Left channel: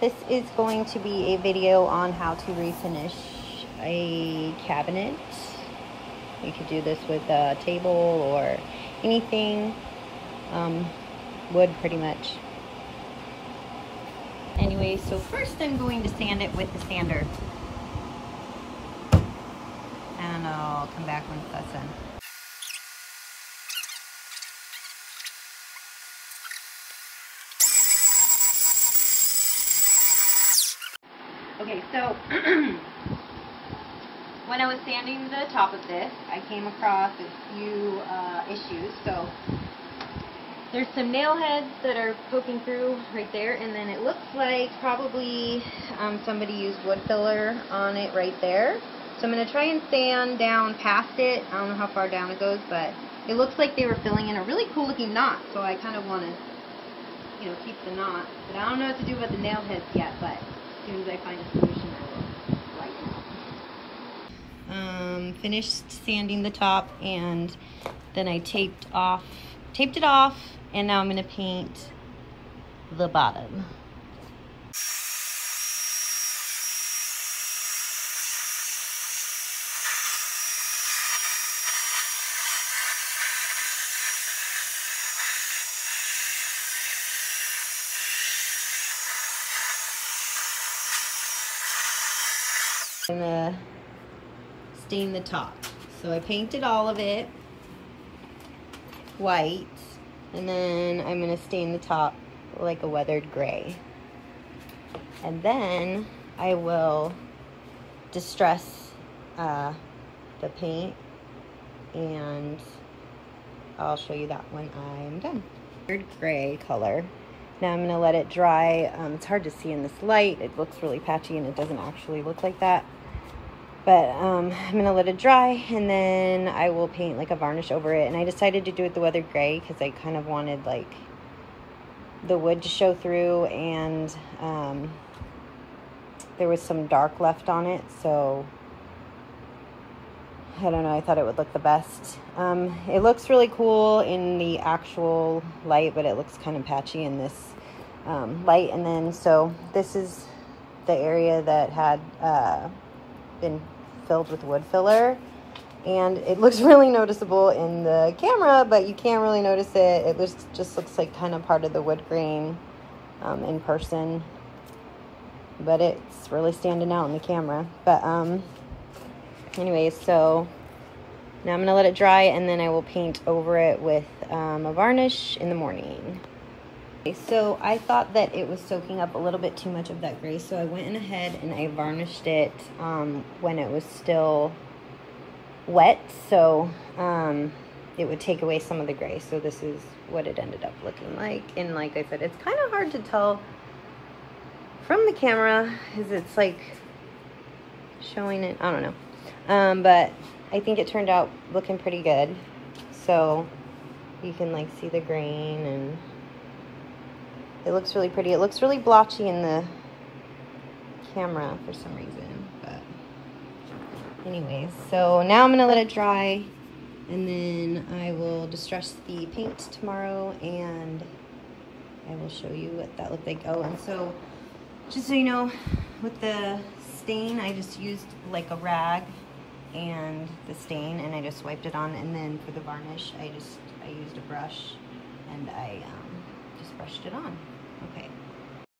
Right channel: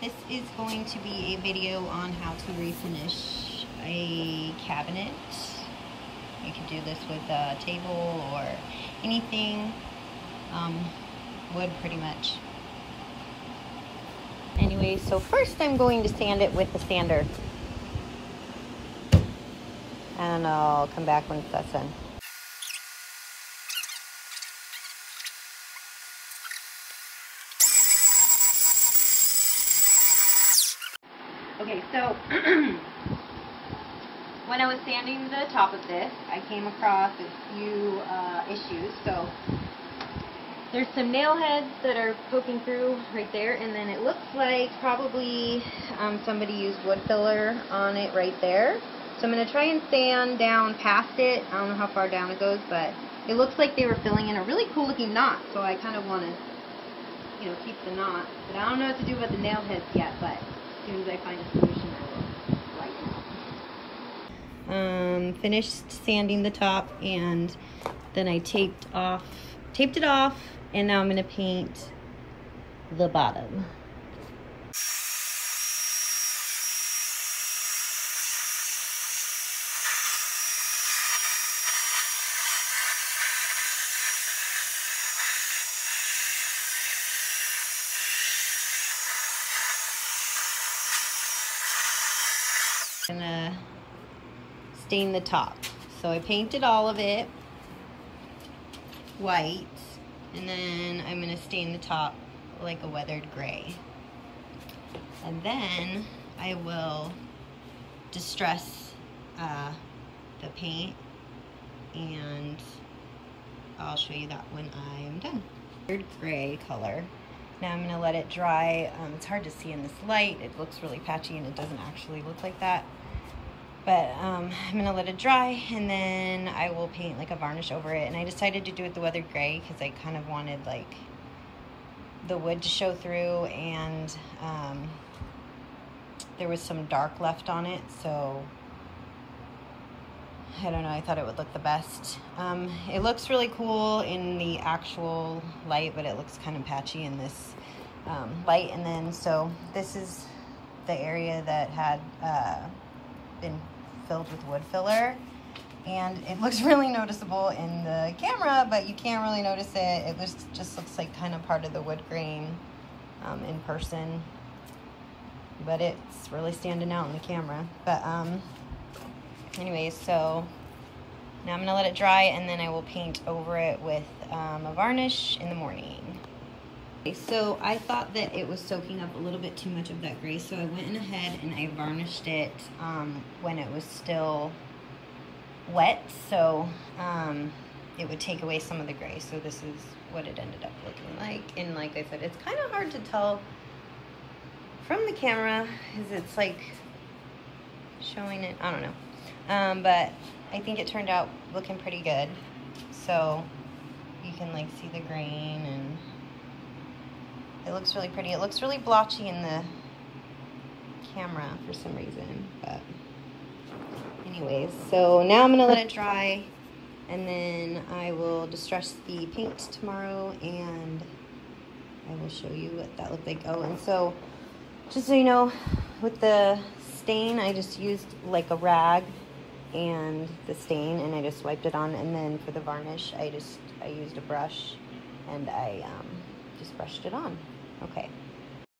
This is going to be a video on how to refinish a cabinet. You could do this with a table or anything, wood pretty much. Anyway, so first I'm going to sand it with the sander. And I'll come back when that's done. Okay, so when I was sanding the top of this, I came across a few issues. So there's some nail heads that are poking through right there, and then it looks like probably somebody used wood filler on it right there. So I'm going to try and sand down past it. I don't know how far down it goes, but it looks like they were filling in a really cool looking knot, so I kind of want to, you know, keep the knot. But I don't know what to do about the nail heads yet, but as soon as I find a solution, I will let you know. Finished sanding the top, and then I taped it off, and now I'm going to paint the bottom. I'm going to stain the top. So I painted all of it white, and then I'm going to stain the top like a weathered gray. And then I will distress the paint, and I'll show you that when I'm done. Weathered gray color. Now I'm going to let it dry. It's hard to see in this light. It looks really patchy and it doesn't actually look like that. But I'm going to let it dry, and then I will paint like a varnish over it. And I decided to do it the weathered gray because I kind of wanted like the wood to show through, and there was some dark left on it, so I don't know, I thought it would look the best. It looks really cool in the actual light, but it looks kind of patchy in this light. And then so this is the area that had been filled with wood filler, and it looks really noticeable in the camera, but you can't really notice it. It just looks like kind of part of the wood grain in person, but it's really standing out in the camera. But anyways, so now I'm gonna let it dry, and then I will paint over it with a varnish in the morning. So I thought that it was soaking up a little bit too much of that gray, so I went in ahead and I varnished it when it was still wet, so it would take away some of the gray. So this is what it ended up looking like, and like I said, it's kind of hard to tell from the camera because it's like showing it, I don't know, but I think it turned out looking pretty good. So you can like see the grain, and it looks really pretty. It looks really blotchy in the camera for some reason, but anyways, so now I'm gonna let it dry, and then I will distress the paint tomorrow, and I will show you what that looked like. Oh, and so just so you know, with the stain, I just used like a rag and the stain, and I just wiped it on. And then for the varnish, I used a brush, and I just brushed it on. Okay.